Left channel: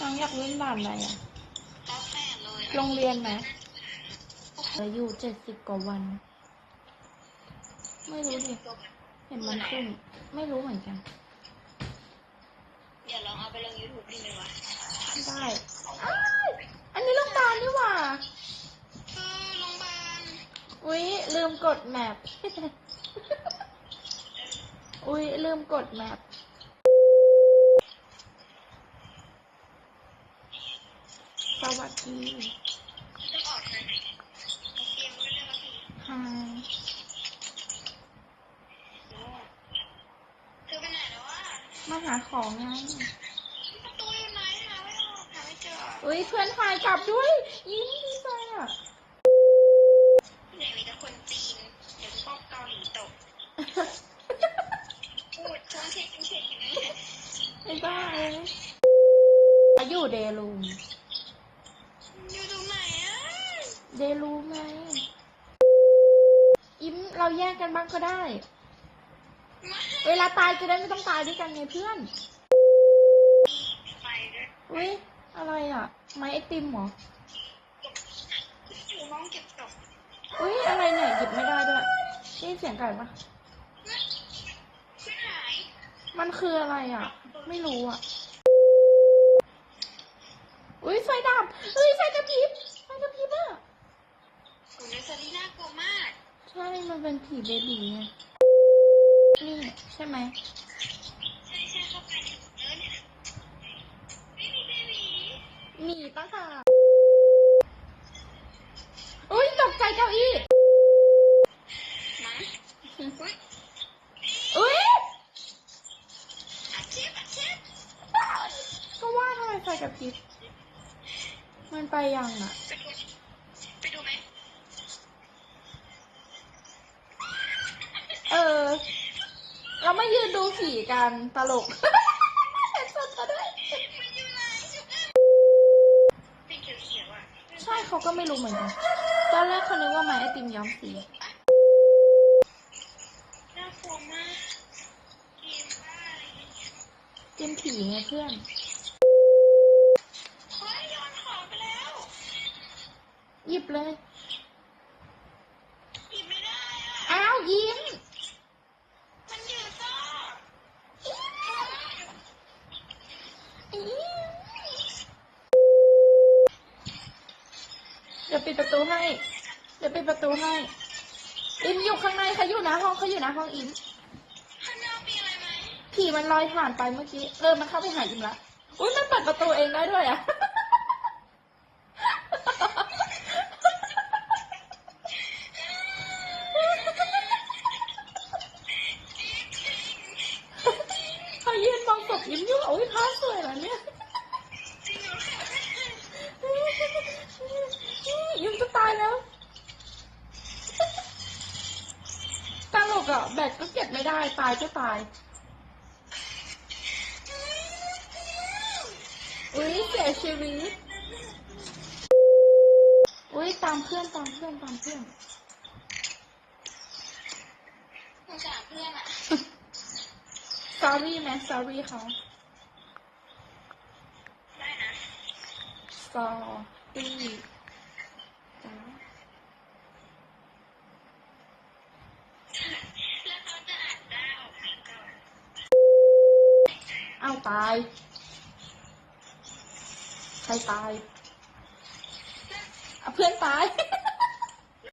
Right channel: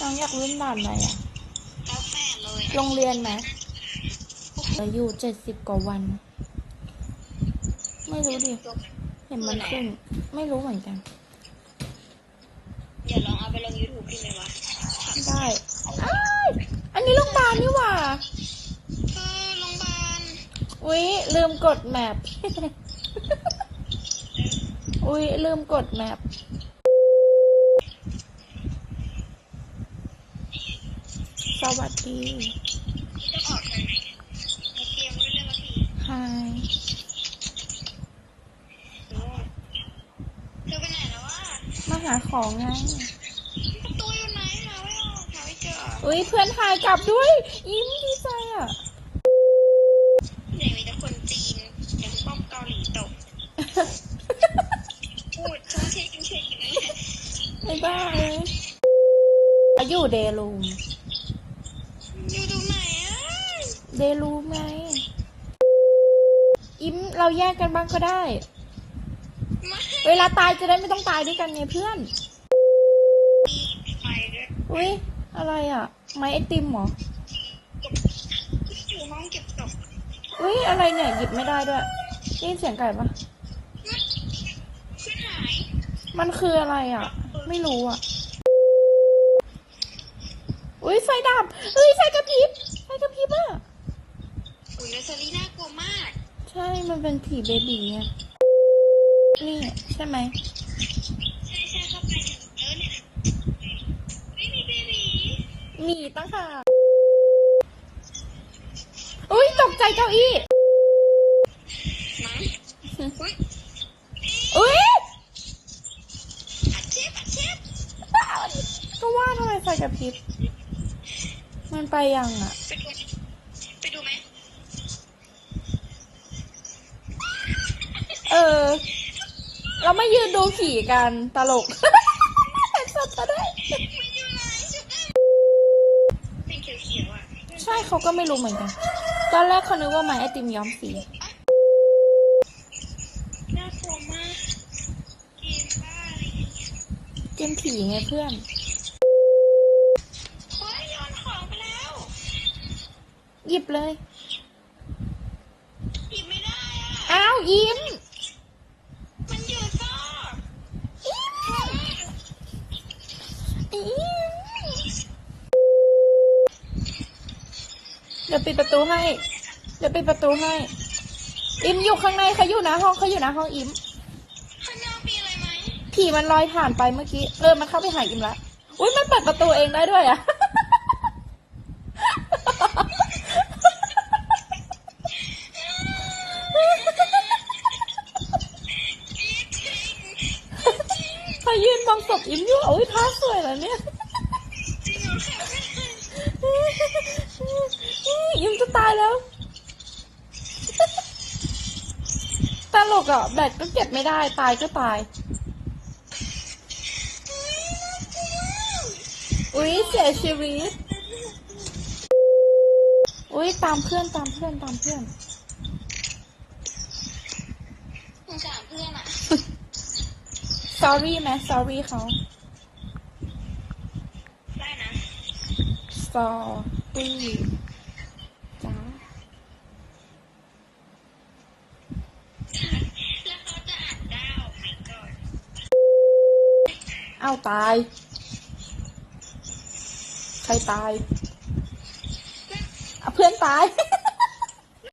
น้องอยากเล่นด่านอะไรอะแล้วแปดเลยโรงเรียนไหมเหลืออยู่เจ็ดสิบกว่าวัน ไม่รู้ดิ เห็นมันขึ้น ไม่รู้เหมือนกัน เดี๋ยวลองเอาไปลงยูทูบดูเลยวะได้อ้ายอันนี้โรงพยาบาลนี่หว่าเออโรงพยาบาลอุ๊ยลืมกดแมปอุ๊ยลืมกดแมป วัสดีจะออกทางไหนเนี่ยไอเกมรู้เรื่องว่าพี่ฮายโอ้เธอไปไหนแล้ววะมาหาของไงประตูอยู่ไหนหาไม่ออกหาไม่เจออุ๊ยเพื่อนหายกลับด้วย ยิ้มดีใจอะไหนมีแต่คนจีนยังต้องเกาหลีตกพูดชุ่มเช็คชุ่มเช็คอย่างนี้ไม่บ้าเลยอยู่เดลูม เดลูมไงยิ้มเราแยกกันบ้างก็ได้ไม่เวลาตายจะได้ไม่ต้องตายด้วยกันไงเพื่อนไปด้วยอุ๊ยอะไรอะ ไม้ไอติมเหรอเก็บอยู่ห้องเก็บตกอุ๊ยอะไรเนี่ยหยิบไม่ได้ด้วยได้ยินเสียงไก่ปะขึ้นไหนมันคืออะไรอะ ไม่รู้อะ อุ๊ยไฟดับเฮ้ยไฟกระพริบ ไฟกระพริบอะ โอ้ยเนอร์เซอรี่น่ากลัวมาก ใช่ มันเป็นผีเบบีไง นี่ใช่ไหมใช่ใช่เข้าไปถึงเยอะเนี่ยไม่มีเบบีมีตั้งหากอุ๊ยตกใจเก้าอี้อุ้ยอุ๊ยอัดเชฟอัดเชฟก็ว่าทำไมไฟกระพริบมันไปยังอะ ไปดูไปดูไหม เออ เราไม่ยืนดูผีกันตลกสดก็ได้ใช่เขาก็ไม่รู้เหมือนกัน ตอนแรกเขานึกว่าไม้ไอติมย้อมสีน่ากลัวมากกินได้เกมผีไงเพื่อนหยิบเลย หยิบไม่ได้อ้าวยิ้ม มันอยู่ซ่อ ยิ้ม เดี๋ยวปิดประตูให้ เดี๋ยวปิดประตูให้ อิมอยู่ข้างในเขาอยู่หน้าห้องเขาอยู่หน้าห้องอิมข้างหน้ามีอะไรไหมผีมันลอยผ่านไปเมื่อกี้เออมันเข้าไปหาอิมละอุ้ยมันเปิดประตูเองได้ด้วยอะพายืนมองศพอิมอยู่โอ้ยท่าสวยแล้วเนี่ย อิมจะตายแล้ว ตลกอะแบตก็เก็บไม่ได้ ตายก็ตาย อุ๊ยเสียชีวิต อุ๊ยตามเพื่อนตามเพื่อนตามเพื่อนสงสารเพื่อนอะ sorry ไหม sorry เขา ได้นะ sorry จ้า แล้วเขาจะอ่านได้ออกไหมก่อน เอา ตาย ใครตาย เพื่อนตาย